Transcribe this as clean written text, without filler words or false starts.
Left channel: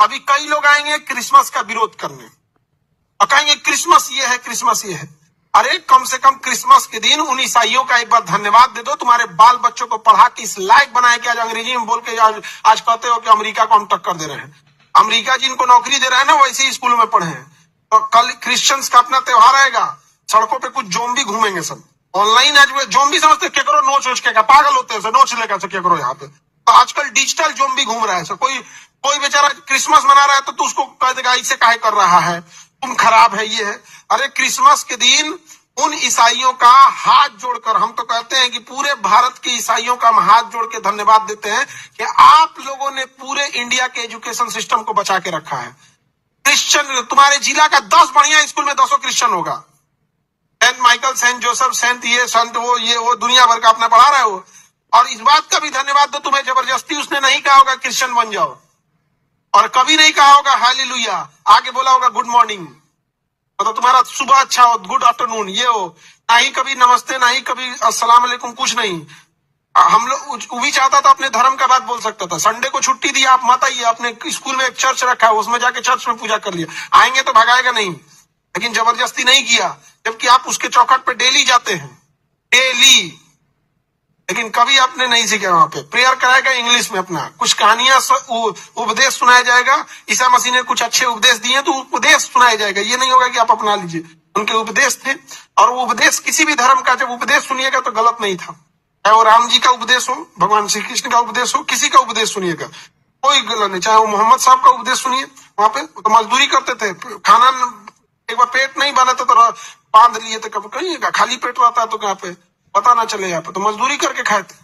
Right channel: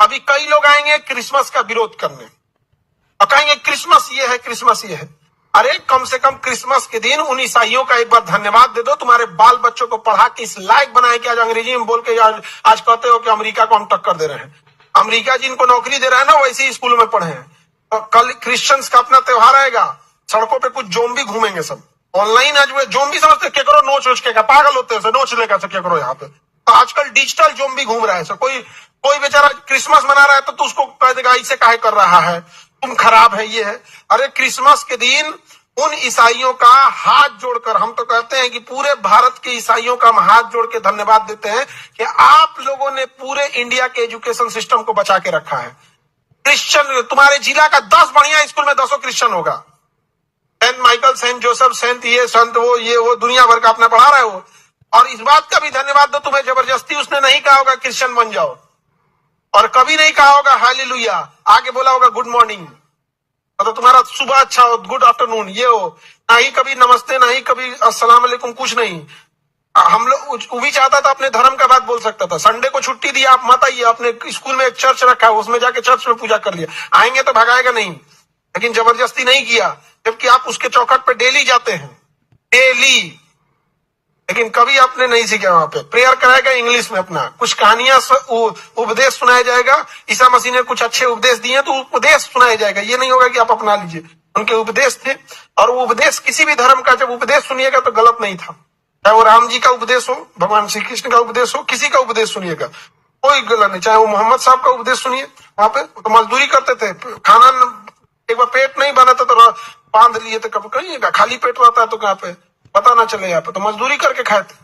अभी कई लोग आएंगे क्रिसमस का विरोध करने और कहेंगे क्रिसमस ये है, क्रिसमस ये है। अरे कम से कम क्रिसमस के दिन उन ईसाइयों का एक बार धन्यवाद दे दो। तुम्हारे बाल बच्चों को पढ़ा के इस लायक बनाए कि आज अंग्रेजी में बोल के आज कहते हो कि अमेरिका को हम टक्कर दे रहे हैं। अमेरिका जिनको नौकरी दे रहा है ना, वैसे ही स्कूलों में पढ़े हैं। तो कल क्रिश्चियंस का अपना त्योहार आएगा, सड़कों पे कुछ जोम्बी घूमेंगे सब ऑनलाइन। आज वो जोम्बी समझते केकरो नोच वोच के पागल होते हैं, नोच लेगा केकरो यहाँ पे। तो आजकल डिजिटल जोम्बी घूम रहा है। कोई बेचारा क्रिसमस मना रहा है तो तू उसको कह देगा इसे काहे कर रहा है, तुम खराब है, ये है। अरे क्रिसमस के दिन उन ईसाइयों का हाथ जोड़कर, हम तो कहते हैं कि पूरे भारत के ईसाइयों का हम हाथ जोड़ के धन्यवाद देते हैं कि आप लोगों ने पूरे इंडिया के एजुकेशन सिस्टम को बचा के रखा है। क्रिश्चियन, तुम्हारे जिला का 10 बढ़िया स्कूल में 200 क्रिश्चियन होगा। Saint Michael, Saint Joseph, Saint ये संत वो दुनिया भर का अपना पढ़ा रहा है वो। और इस बात का भी धन्यवाद दो, तुम्हें जबरदस्ती उसने नहीं कहा होगा क्रिश्चियन बन जाओ, और कभी नहीं कहा होगा हालेलुया, आगे बोला होगा गुड मॉर्निंग, मतलब तुम्हारा सुबह अच्छा हो, गुड आफ्टरनून ये हो, ना ही कभी नमस्ते, ना ही कभी अस्सलाम वालेकुम, कुछ नहीं। हम लोग, वो भी चाहता था अपने धर्म का बात बोल सकता था। संडे को छुट्टी दिया, आप मत आइए, अपने स्कूल में एक चर्च रखा है उसमें जाके चर्च में पूजा कर लिया, आएंगे तो भगाएगा नहीं, लेकिन जबरदस्ती नहीं किया, जबकि आप उसके चौखट पे डेली जाते हैं, डेली। लेकिन कभी आपने नहीं सीखा। वहां पे प्रेयर कराएगा इंग्लिश में, अपना कुछ कहानियां उपदेश सुनाया जाएगा। ईसा मसीह ने कुछ अच्छे उपदेश दिए तो उपदेश सुनाया जाएगा। ये नहीं होगा कि आप अपना लीजिए, उनके उपदेश थे। और वो उपदेश किसी भी धर्म का जब उपदेश सुनिएगा तो गलत नहीं था, चाहे वो राम जी का उपदेश हो, भगवान श्री कृष्ण का उपदेश हो, किसी का उपदेश सुनिएगा, कोई गलत नहीं। चाहे वो मोहम्मद साहब का उपदेश सुनिए, वहां पे तो मजदूरी करते थे, खाना एक बार पेट नहीं बना था तो बांध लिए थे, कभी कहीं खाली पेट रहता है तो कहाँ पे पता ना चले, यहाँ पे तो मजदूरी करके खाए थे।